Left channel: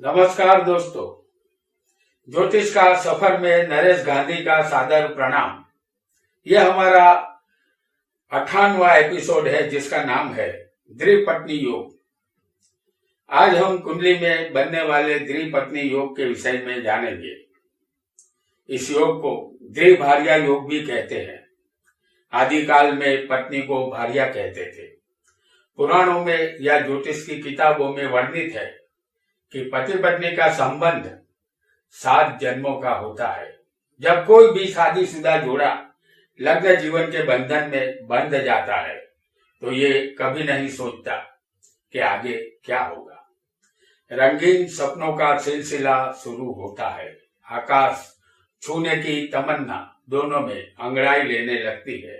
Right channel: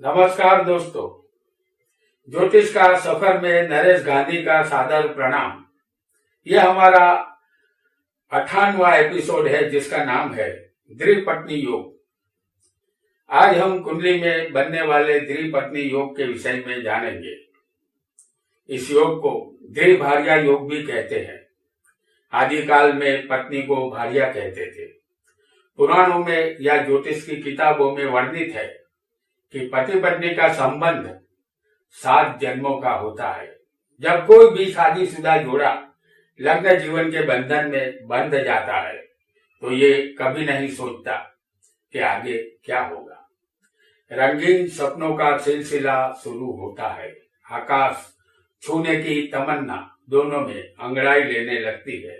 नमस्कार दोस्तों, ज्योतिष का सफर में नरेश गांधी का सादर प्रणाम। यह हमारा 58वां एपिसोड है जिसका नाम है द्विपत्नी योग। आज हम कुंडली में बनने वाले द्विपत्नी योग के विषय में जानेंगे। इस योग को द्विभार्या योग भी कहते हैं। आदिकाल में पत्नी को भार्या कहते थे। पुराणों में या ज्योतिष की किताबों में वर्णित है कि पति पत्नी का संबंध 7 जन्मों का होता है। जब कोई भी शादीशुदा जोड़ा लग्न जीवन के बंधन में बंध जाता है तो ये कभी नहीं सोचता कि आगे क्या होगा। रंगीन सपनों का सिलसिला शुरू होता है। आकाश छूने की तमन्ना दोनों में अंगड़ाई लेने लगती है।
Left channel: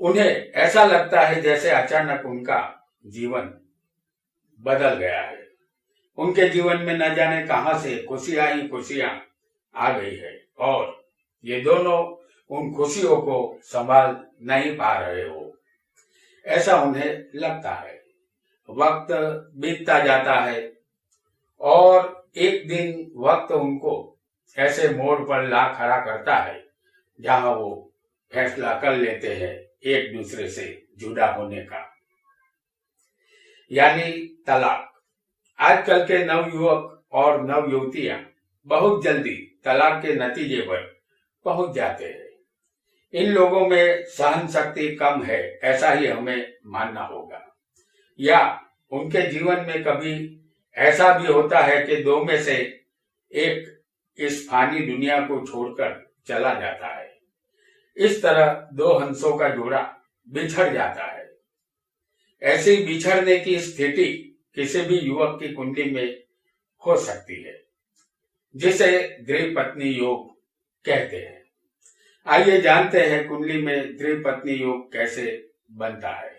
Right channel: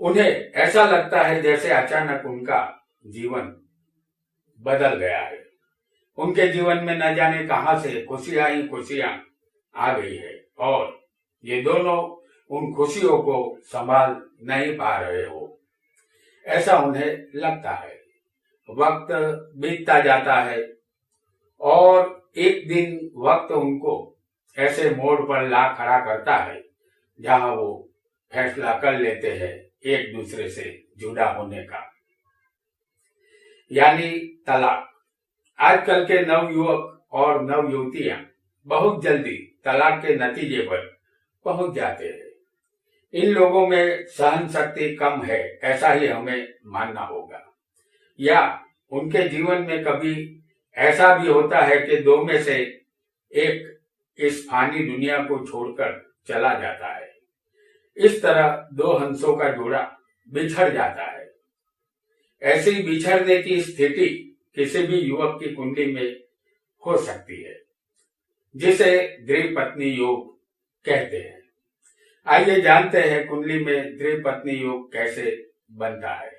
उन्हें ऐसा लगता है जैसे अचानक उनका जीवन बदल गया है। उनके जीवन में न जाने कहां से खुशियां ही खुशियां आ गई है और ये दोनों उन खुशियों को संभाल नहीं पा रहे हो, ऐसा उन्हें लगता है। वक्त बीतता जाता है और एक दिन वक्त उनको ऐसे मोड़ पर ला खड़ा करता है जहां वो फैसला कर लेते हैं एक दूसरे से जुदा होने का, यानी तलाक। आजकल के नवयुवक और नवयुवतियां बहुत जल्दी तलाक के नतीजे पर पहुंच जाते हैं। इन लोगों में सहन शक्ति कम है, ऐसा ही हमें मानना होगा। या उनके जीवन में कभी ऐसा भी होता है कि दो में से एक इस फानी दुनिया को छोड़कर चला जाता है। इस तरह दो हंसों का जोड़ा बिछड़ जाता है। ऐसी बिछड़ने की स्थिति किसी भी युवक की कुंडली में हो सकती है, जिसे द्विपत्नी योग कहते हैं। आइए जानते हैं कुंडली में द्विपत्नी योग कैसे बनता है।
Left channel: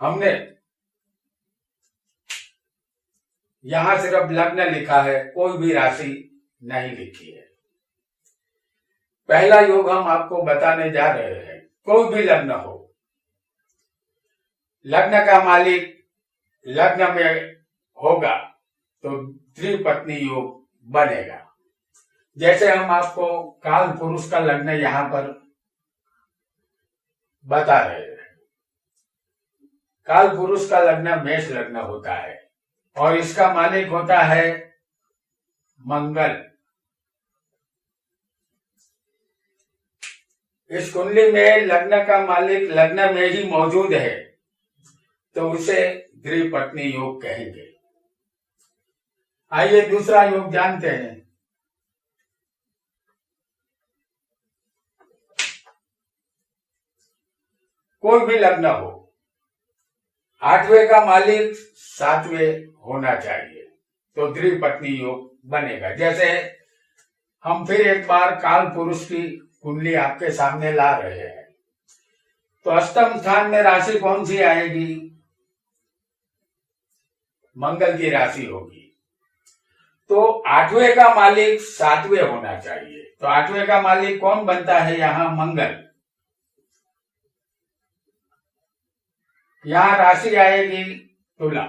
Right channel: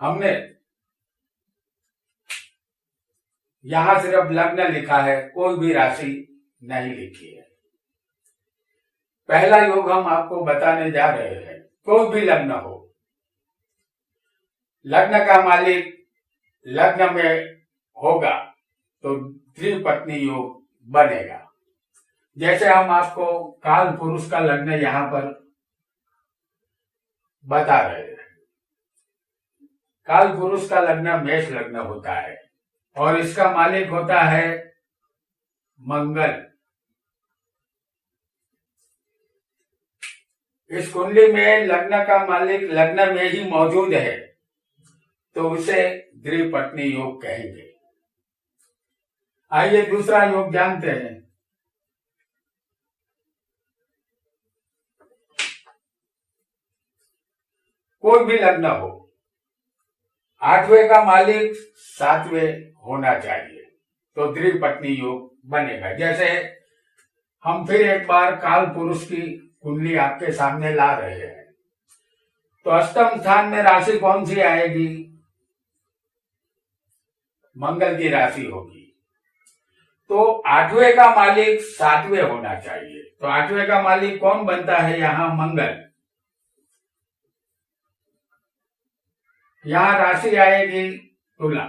हमने यहां सिर्फ लग्न लिखा है, कोई भी राशि नहीं लिखी है। पहला योग हम आपको बताने जा रहे हैं। कोई भी लग्न हो, लग्न का मालिक लग्न में होगा तो द्विपत्नी योग बनेगा। जैसे हम आपको काल पुरुष का लग्न यहां पर बता रहे हैं। काल पुरुष का लग्न मेष लग्न होता है और इसका मालिक होता है मंगल। इस कुंडली में लग्न का मालिक लग्न में ही मौजूद है तो उसे द्विपत्नी योग कहेंगे। आइए दूसरा योग जानते हैं। कोई भी लग्न हो, 8वें का मालिक 7वें होना चाहिए तो द्विपत्नी योग बनेगा। जैसे हम फिर एक बार काल पुरुष की कुंडली आपके सामने ला रहे हैं तो अष्टम स्थान में राशि कौन सी आएगी? मंगल की राशि होगी। तो 8वें का मालिक 7वें होना चाहिए तो 8वें का मालिक कौन बनता है? यहां मंगल। यहां राशि आएगी तुला।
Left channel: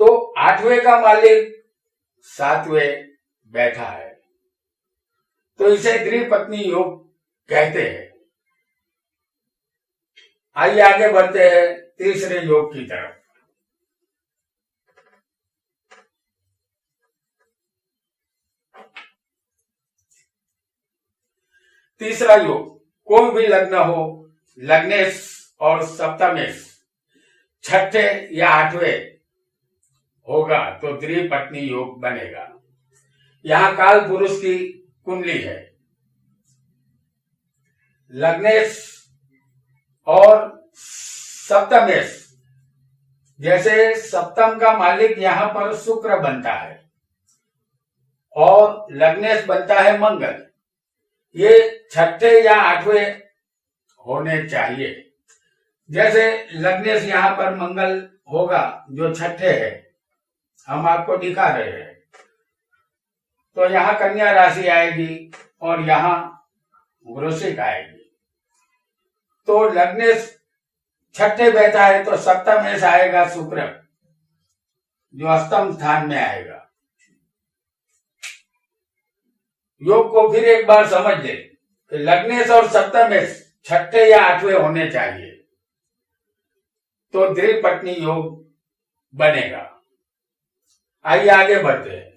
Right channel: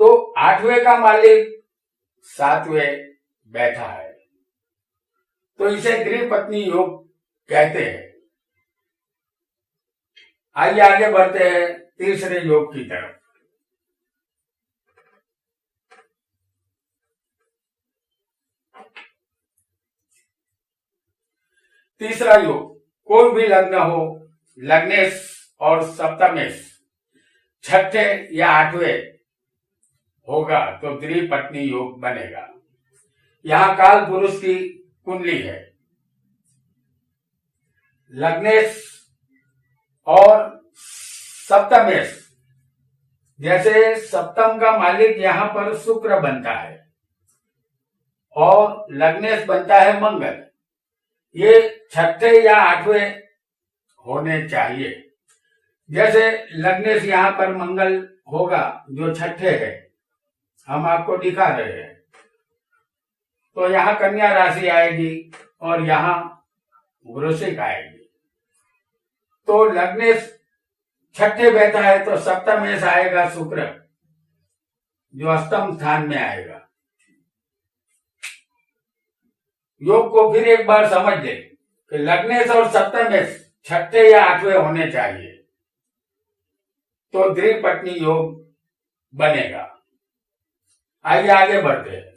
तो 8वें का मालिक 7वें बैठा है तो इसे द्विपत्नी योग कहते हैं। आइए आगे बढ़ते हैं तीसरे योग की तरफ। तीसरा योग, कोई भी लग्न हो, लग्नेश और सप्तमेश 6ठे या 8वें होगा तो द्विपत्नी योग बनेगा। यहां काल पुरुष की कुंडली है। लग्नेश और सप्तमेश, जैसे सप्तम का मालिक यहां पर शुक्र बनता है और लग्नेश बनता है मंगल। ये 6ठे या 8वें होने चाहिए। जैसे लग्नेश यहां पर मंगल होगा जो 6ठे है, हम आपको दिखा रहे हैं। तो यहां कन्या राशि आएगी और यहां वृश्चिक आएगी। तो लग्न छठे बैठा है तो सप्तम में आएगा शुक्र, जो अष्टम स्थान में आएगा। योग को फिर एक बार समझ ले कि लग्नेश और सप्तमेश छठे या आठवें होने चाहिए तो द्विपत्नी योग बनेगा। आइए आगे बढ़ते हैं।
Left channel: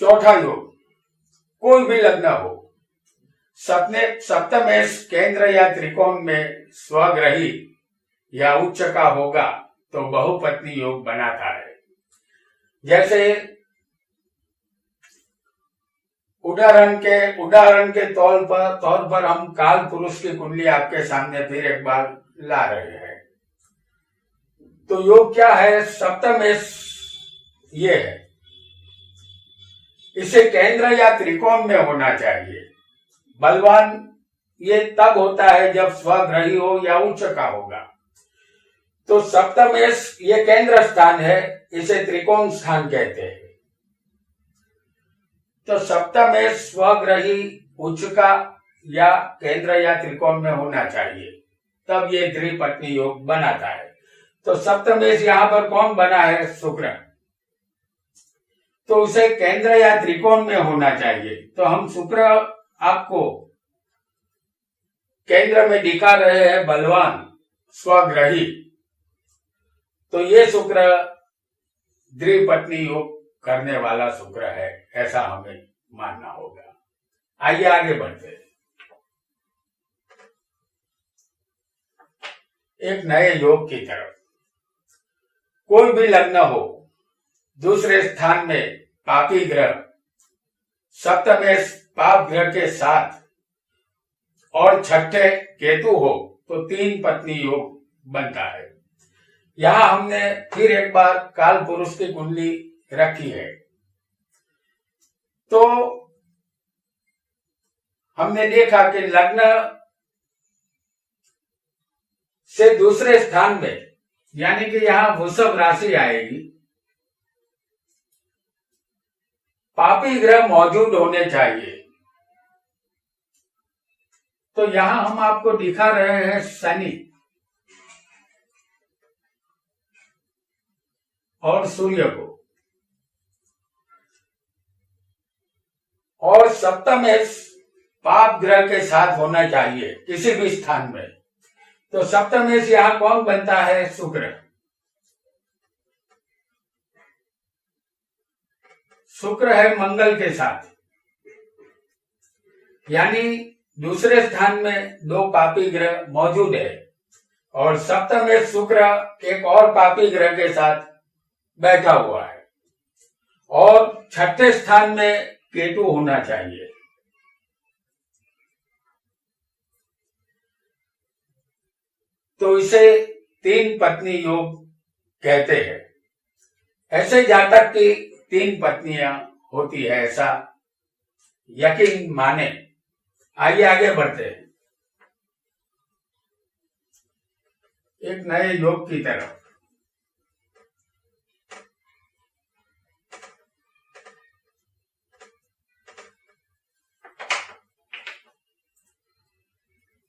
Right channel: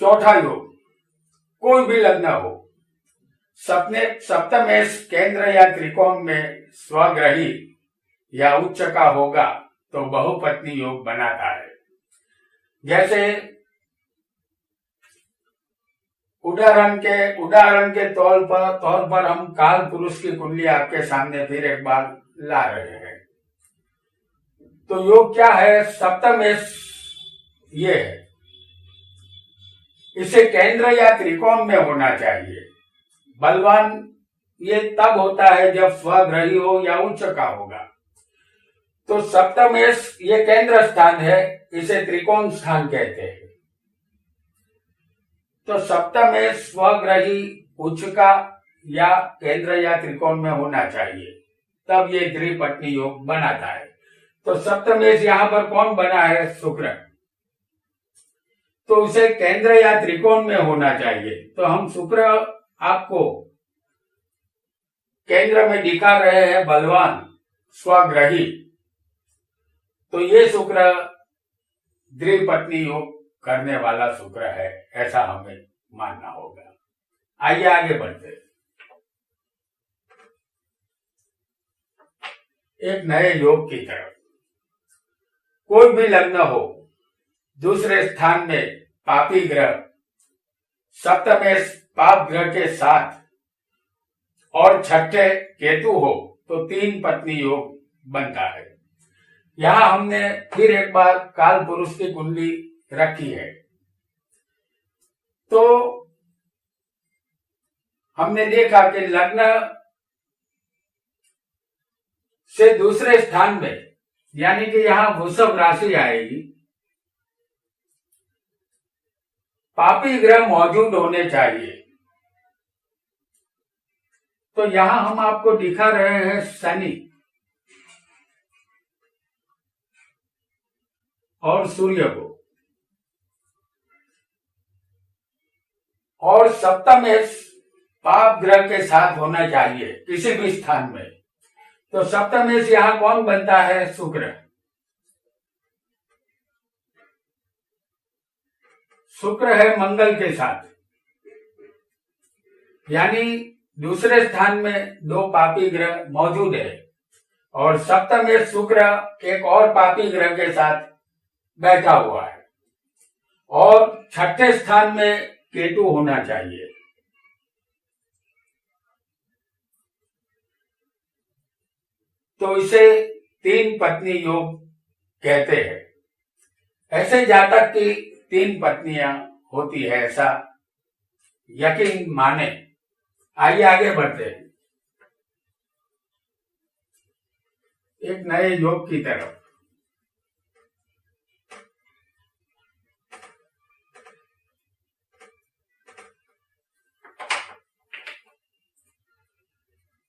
चौथा योग, कोई भी लग्न हो, सप्तमेश केंद्र या त्रिकोण में स्वग्रही या उच्च का होगा तो बहुपत्नी योग बनाता है। जैसे उदाहरण के तौर पर हम काल पुरुष की कुंडली आपके सामने फिर एक बार ला रहे हैं। तो योग क्या है? सप्तमेश ये है, इसे केंद्र या त्रिकोण में होना चाहिए। बलवान ये तब होता है जब स्वग्रही हो या उच्च का होगा। तो सप्तमेश ये केंद्र स्थान है, इसे त्रिकोण स्थान कहते हैं। तो सप्तमेश स्वग्रही उच्च का या केंद्र या त्रिकोण में होना चाहिए, तब ये द्विपत्नी योग बनाता है। तो सप्तमेश यहां पर कौन बना है? शुक्र। तो उसे केंद्र या त्रिकोण में होना चाहिए। तो हम शुक्र आपको केंद्र में दिखा रहे हैं, बलवान स्वग्रही। तो ये शुक्र द्विपत्नी योग करने वाला शुक्र है, ऐसा हमें मानना होगा। आइए आगे बढ़ते हैं। एक नए योग की तरफ। कोई भी लग्न हो, दूसरे स्थान में पापी ग्रह, सप्तमेश पाप ग्रह के साथ और छठे केतु हो तो तीन पत्नी योग बनता है। यहां हमने फिर एक बार काल पुरुष की कुंडली रखी है। तो हमने देखा कि लग्न से दूसरे स्थान में, यानी कि यहां वृषभ राशि आएगी, पापी ग्रह मौजूद होने चाहिए। तो यहां हम आपको दिखा रहे हैं शनि और सूर्य को, और सप्तमेश पाप ग्रह के साथ होना चाहिए किसी भी स्थान में। तो सप्तमेश यहां कौन बनता है? शुक्र। शुक्र है मंगल के साथ, यानी दूसरे स्थान में दो पापी ग्रह मौजूद है और सप्तमेश शुक्र एक और पापी ग्रह के साथ बैठा हुआ है, और छठे स्थान में केतु होना चाहिए। तो इसे तीन पत्नी योग कहते हैं। ऐसे जातक की तीन पत्नियां होती है, ऐसा यकीन माने। आइए आगे बढ़ते हैं एक नए योग की तरफ।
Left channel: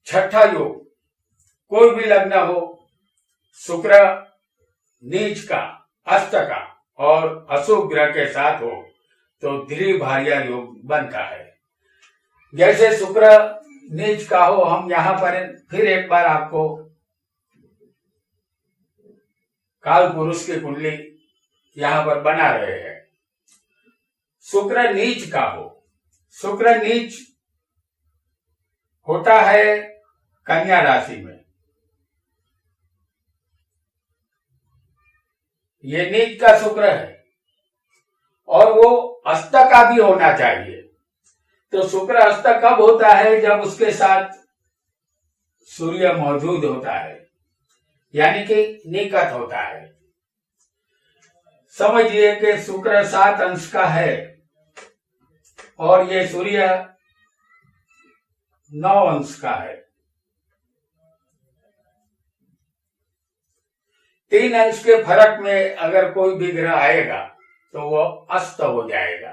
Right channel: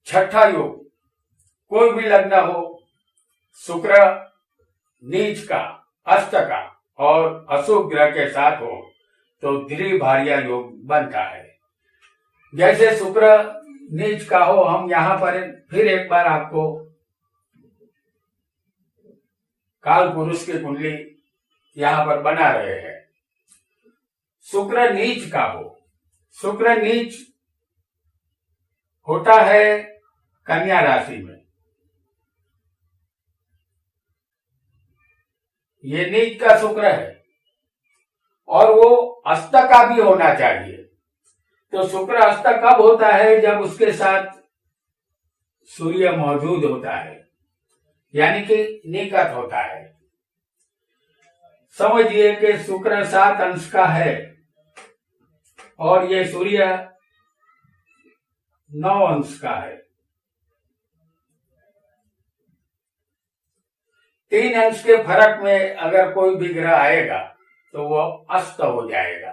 छठा योग, कोई भी लग्न हो, शुक्र नीच का, अस्त का और अशुभ ग्रह के साथ हो तो द्विभार्या योग बनता है। जैसे शुक्र नीच का हो, हम यहां पर फिर एक बार आपको काल पुरुष की कुंडली यहां पर बना रहे हैं। शुक्र नीच का हो, शुक्र नीच होता है कन्या राशि में। ये नीच का शुक्र है और वो अस्त का भी होना चाहिए। तो शुक्र अस्त कब होता है? जब उसके साथ सूर्य मौजूद होता है, यानी कि निकट होता है। समझिए कि शुक्र 7 अंश का है और ये सूर्य 9 अंश का है। 3 अंश के फर्क में अगर कोई भी ग्रह आएगा तो वो अस्त हो जाएगा।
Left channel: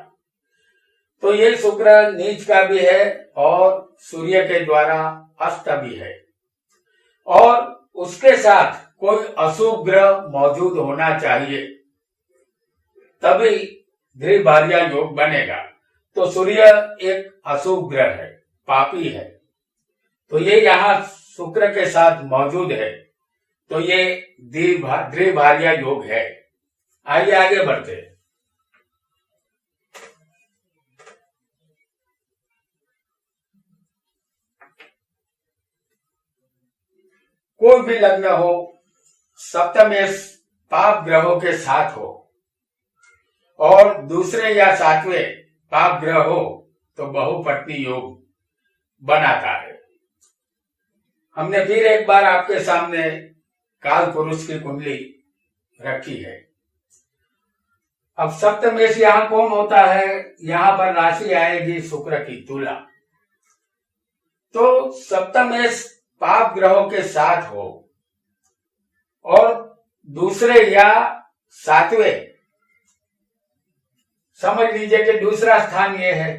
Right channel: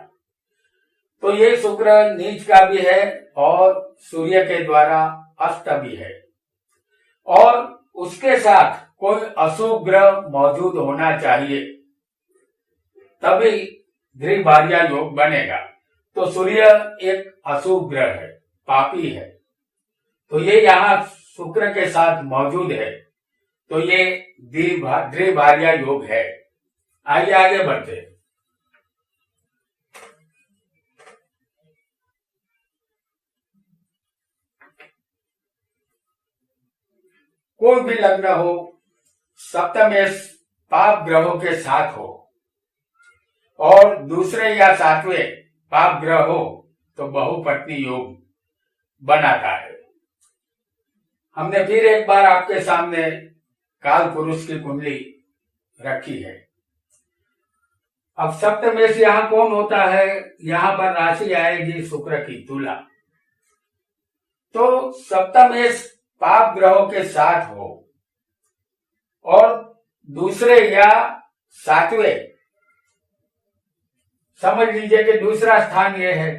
तो ये शुक्र नीच का भी है और सूर्य के द्वारा अस्त भी है, और उसके साथ कोई अशुभ ग्रह मौजूद होना चाहिए, तभी द्विभार्या योग बनेगा। तो सूर्य एक अशुभ ग्रह है, पापी है, तो ये यहाँ शुक्र के साथ मौजूद है, तो ये द्विभार्या योग है। आइए आगे बढ़ते हैं। कोई भी लग्न हो, सप्तमेश पाप ग्रहों के साथ हो और दूसरे या सातवें पाप ग्रह हो तो बहुपत्नी योग बनाता है। हमने फिर एक बार आपके सामने काल पुरुष की कुंडली रखी है। अब सप्तमेश यहां कौन होता है? यहां पर राशि आएगी शुक्र की तुला। तो सप्तमेश पाप ग्रहों के साथ हो और दूसरे या सातवें, समझ लीजिए कि दूसरा स्थान ये है,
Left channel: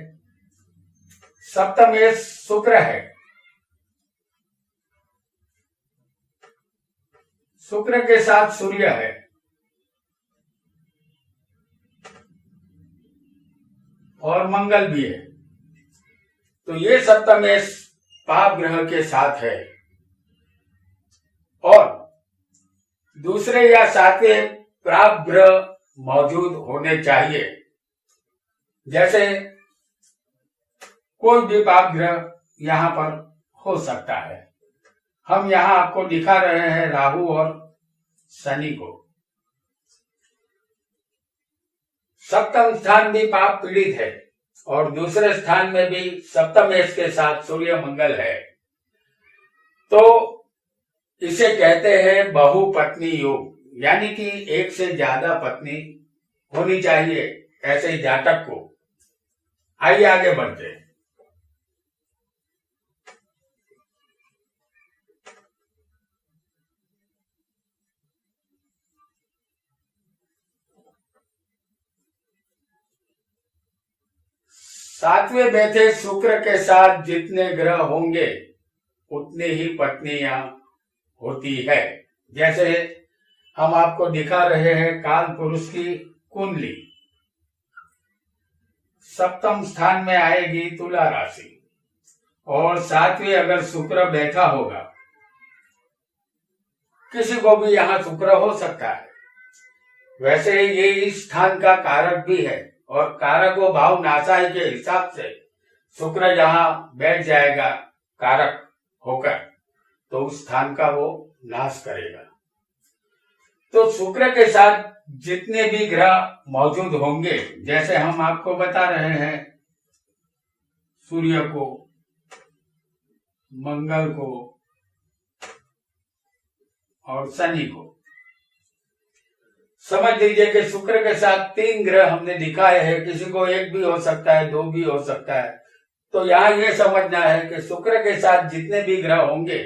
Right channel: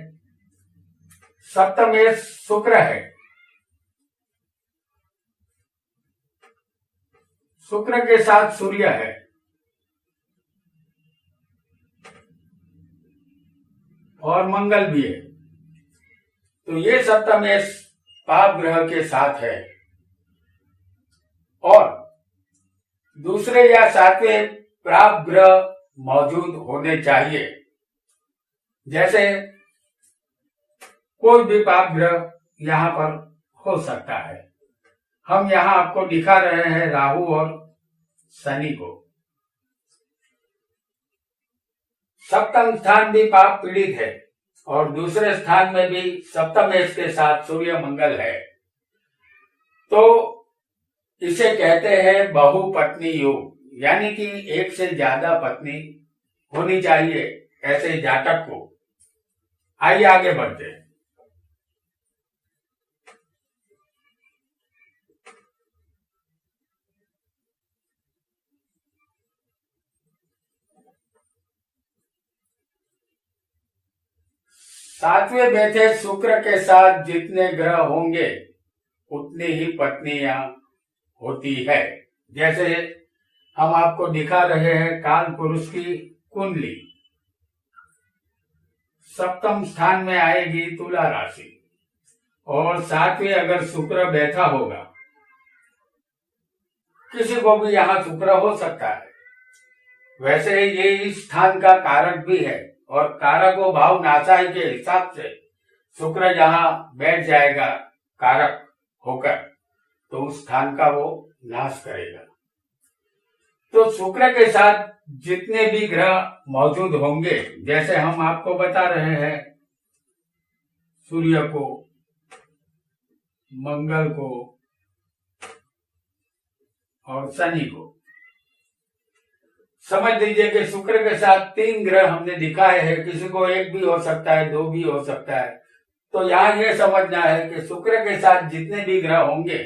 सप्तमेश शुक्र है, शुक्र के साथ सूर्य है, और मंगल भी है। तो ये सप्तमेश पाप ग्रह के साथ है और दूसरे या सातवें पाप ग्रह मौजूद होने चाहिए। जैसे कोई भी पाप ग्रह यहां पर हो सकता है। हम यहां आपको दिखा रहे हैं राहु और शनि को। सप्तम स्थान भी पाप पीड़ित है और दूसरे स्थान में भी सप्तमेश के साथ सूर्य मंगल है, तो इसे कहते हैं बहुपत्नी योग, यानी कि एक से ज्यादा पत्नी होनी चाहिए ऐसे जातक को। आइए आगे बढ़ते हैं। सातवें बैठे शुक्र के साथ जितने ग्रह होंगे उतनी ही पत्नियां होती है। जैसे हम आपको दिखा रहे हैं काल पुरुष की कुंडली, सप्तम स्थान में आएगी तुला राशि और सातवें अगर शुक्र बैठा होगा, किसी को भी यहां शुक्र हो सकता है। वैसे ये इस स्थान का कारक भी है और कारको भाव नाशाई के हिसाब से शुक्र जहां बैठ जाएगा कारक होकर, तो उस स्थान का वो नाश करेगा। तो शुक्र के साथ जितने भी ग्रह मौजूद होंगे, जैसे हम आपको बता रहे हैं सूर्य को, मंगल को और शनि को, समझ लीजिए कि शुक्र के साथ 3 ग्रह हमने दिखाए हैं। किसी को 1 भी हो सकता है, 2 भी हो सकता है। तो यहां यह समझना है कि शुक्र के साथ जितने भी ग्रह होंगे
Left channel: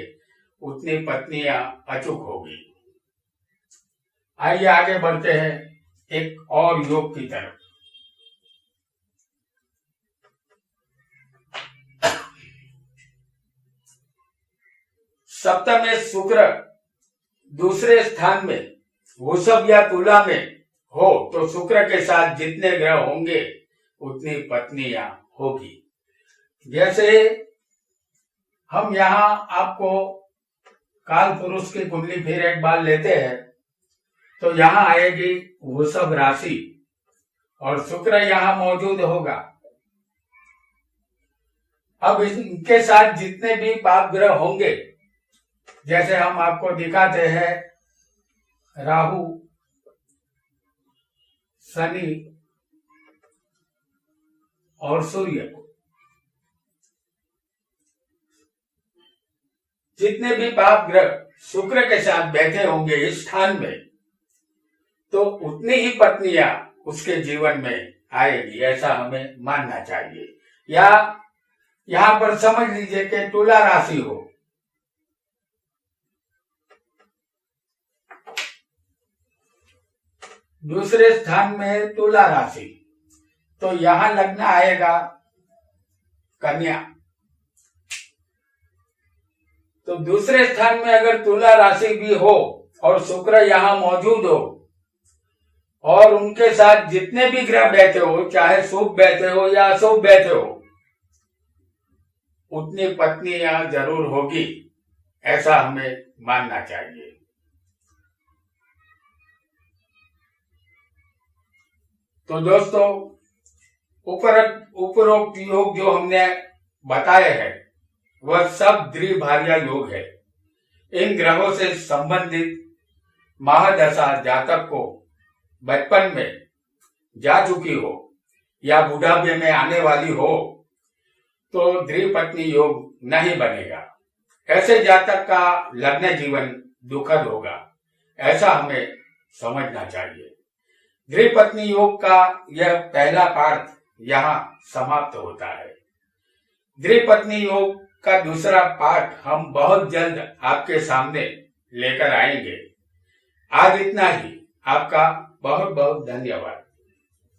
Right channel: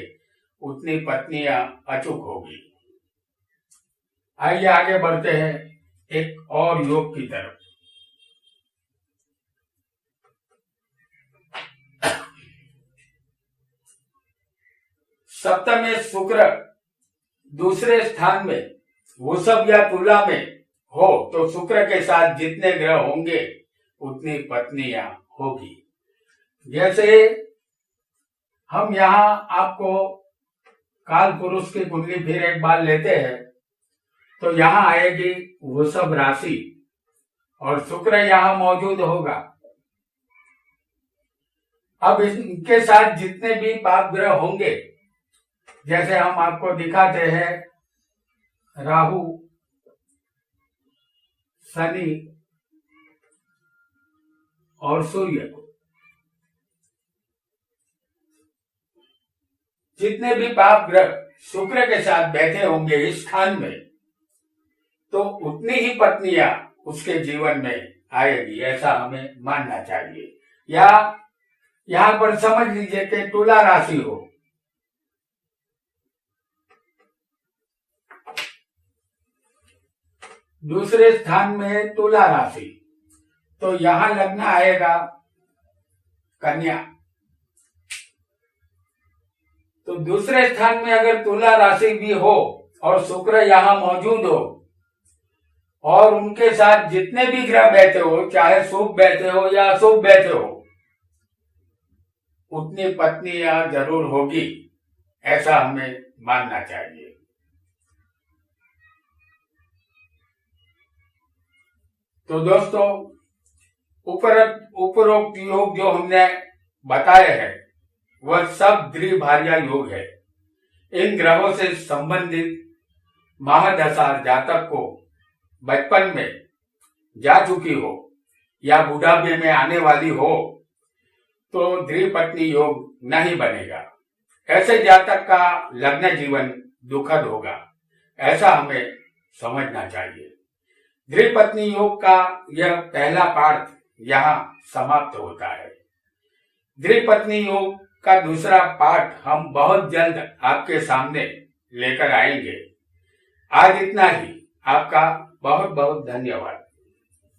उतनी पत्नियां अचूक होगी। आइए आगे बढ़ते हैं एक और योग की तरफ। सप्तम में शुक्र दूसरे स्थान में वृषभ या तुला में हो तो शुक्र के साथ जितने ग्रह होंगे उतनी पत्नियां होगी। जैसे हम यहां आपको काल पुरुष की कुंडली फिर एक बार लेते हैं, तो यहां आएगी वृषभ राशि और शुक्र यहां मौजूद होगा। अब इनके साथ जितने भी पाप ग्रह होंगे, जैसे हम आपको दिखाते हैं राहु, शनि और सूर्य को, जितने भी पाप ग्रह शुक्र के साथ बैठे होंगे इस स्थान में, तो उतनी ही पत्नियां उसके जीवन में आएगी, ऐसा हमें मानना चाहिए। या यहां पर समझ लीजिए कि तुला राशि हो दूसरे स्थान में तुला राशि, तो यहां लग्न आएगा कन्या। तो दूसरे स्थान में अगर तुला राशि भी हो और शुक्र यहां मौजूद हो और उनके साथ जितने भी ग्रह बैठे हो, चाहे शुभ बैठे हो या अशुभ बैठे हो, उतनी पत्नियां जरूर होगी, ऐसा हमें मानना चाहिए। तो दोस्तों, उपरोक्त योग जो हमने बताए हैं वह सब द्विभार्या योग है। इन ग्रहों से संबंधित महादशा जातक को बचपन में जा चुकी हो या बुढ़ापे में आने वाली हो तो द्विपत्नी योग नहीं बनेगा। ऐसे जातक का लग्न जीवन दुखद होगा, ऐसा हमें समझना चाहिए। द्विपत्नी योग का यह पहला पाठ यहाँ समाप्त होता है। द्विपत्नी योग का दूसरा पाठ हम बहुत जल्द आपके सामने लेकर आएंगे। आज इतना ही। आपका बहुत बहुत धन्यवाद।